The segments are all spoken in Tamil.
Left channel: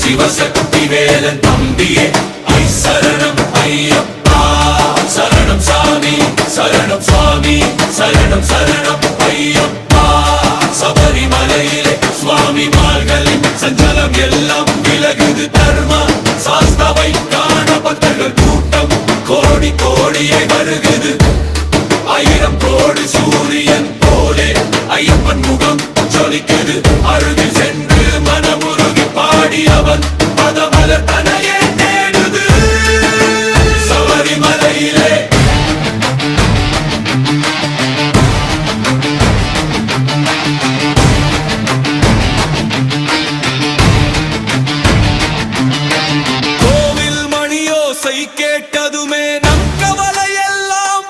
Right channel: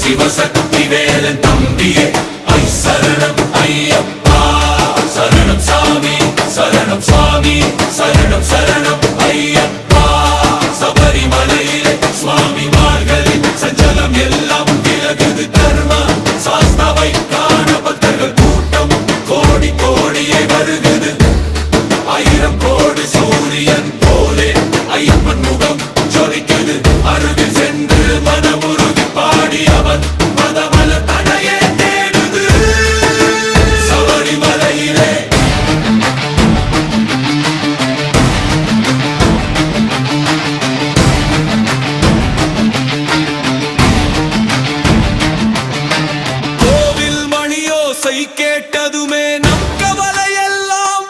சிவசக்தி வேலன் தம்பியே ஐ சரணம் ஐயப்பா சரணம் சாமி சரணம் சுவாமி சரணம் சரணம் ஐயப்பா சபரிமலையிலே சுவாமி மார்களின் சஞ்சலம் எல்லாம் விலகுது தர்ம சாஸ்தாவை காண பக்தர்கள் கூட்டம் கோடி கோடியை வருகுது ஆயிரம் கோடி சூரியன் போலே ஐயப்பன் முகம் ஜொலிக்குது அருகில் சென்று மனமுருகி பாடி அவன் பதமலர் தனையே தேடுது சபரிமலையிலே கோவில் மணியோசை கேட்டதுமே நம் கவலையெல்லாம்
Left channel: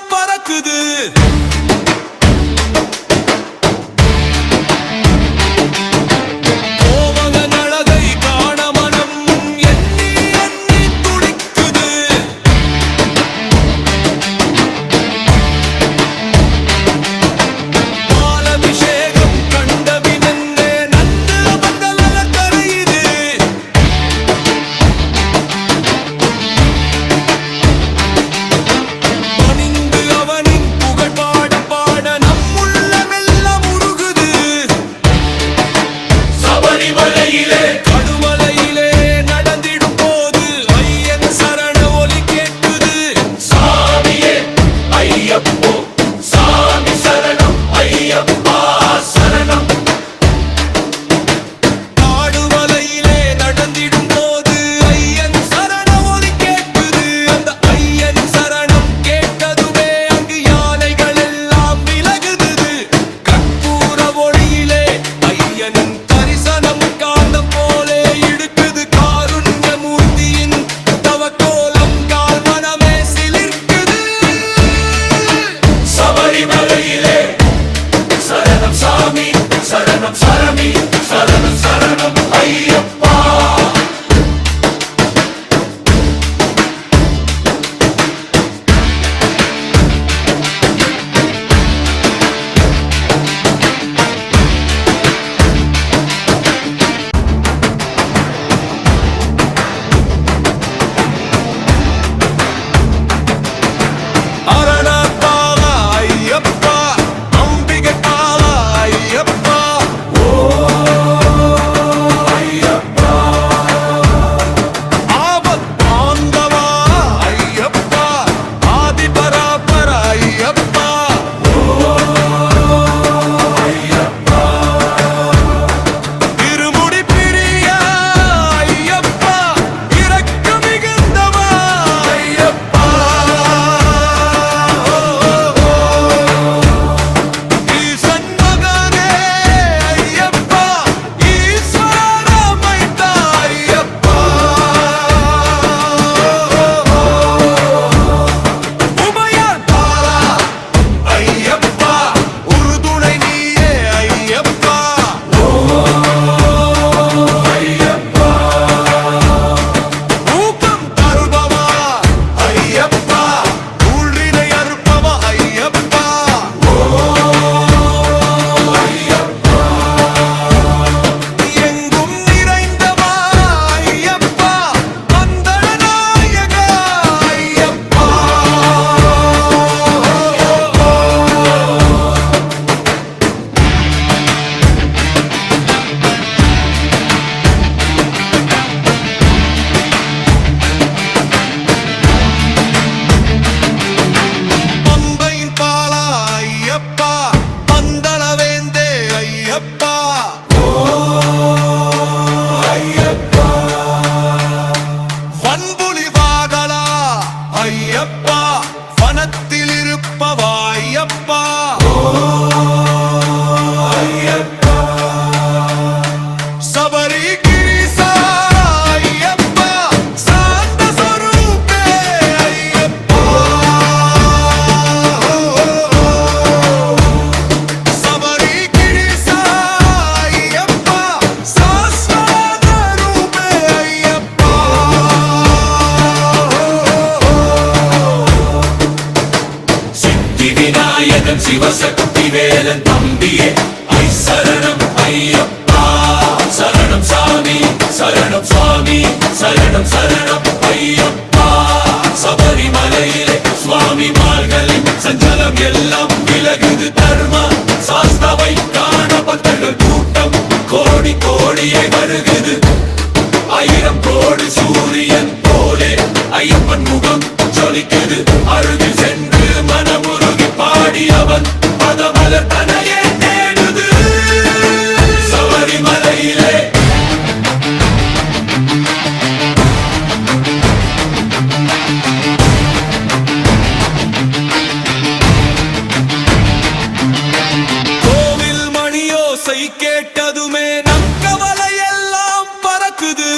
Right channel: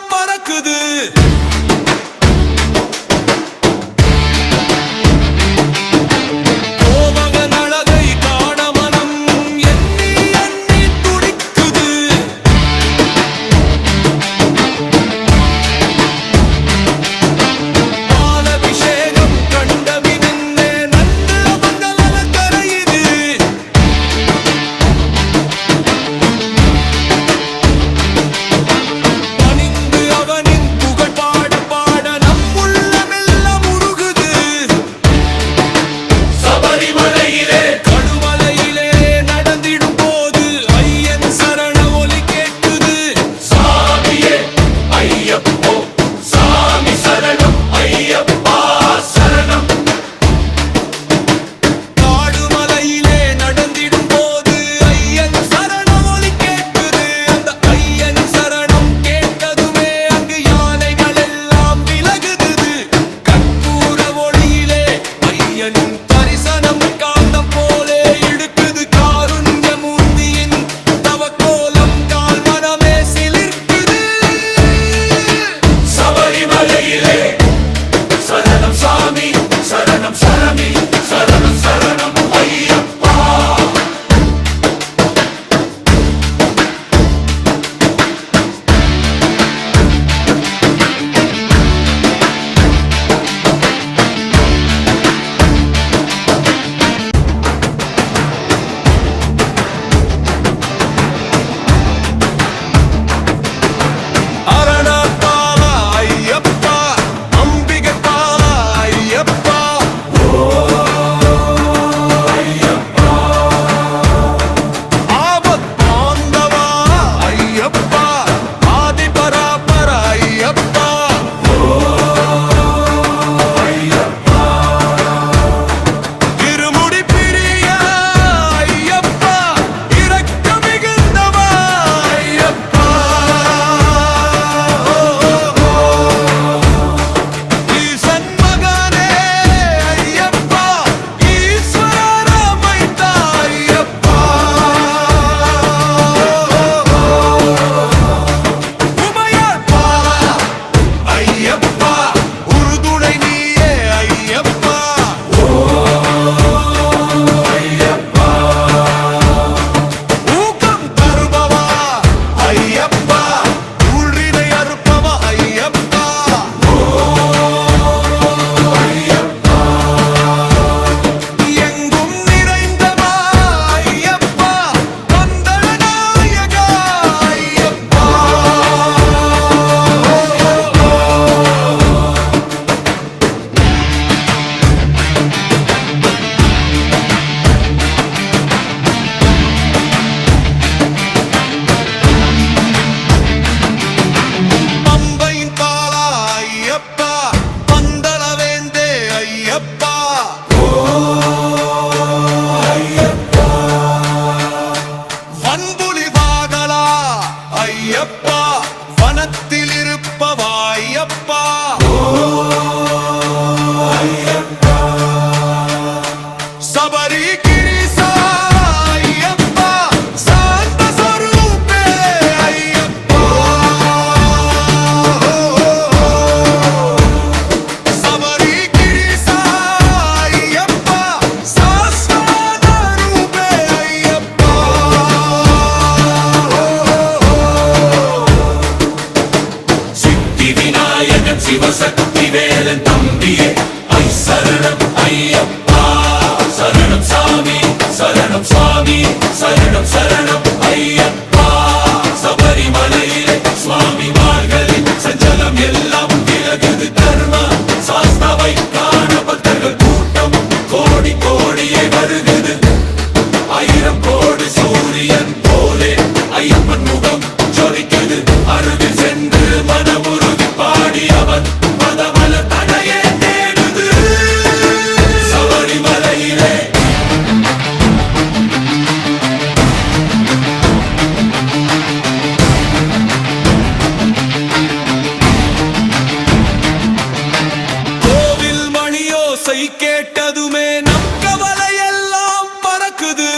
மகன் சிவசக்தி வேலன் தம்பியே ஐ சரணம் ஐயப்பா சரணம் சாமி சரணம் சுவாமி சரணம் சரணம் ஐயப்பா சபரிமலையிலே சுவாமி மார்களின் சஞ்சலம் எல்லாம் விலகுது தர்ம சாஸ்தாவை காண பக்தர்கள் கூட்டம் கோடி கோடியை வருகுது ஆயிரம் கோடி சூரியன் போலே ஐயப்பன் முகம் ஜொலிக்குது அருகில் சென்று மனமுருகி பாடி அவன் பதமலர் தனையே தேடுது சபரிமலையிலே கோவில் மணியோசை கேட்டதுமே நம் கவலை எல்லாம் பறக்குது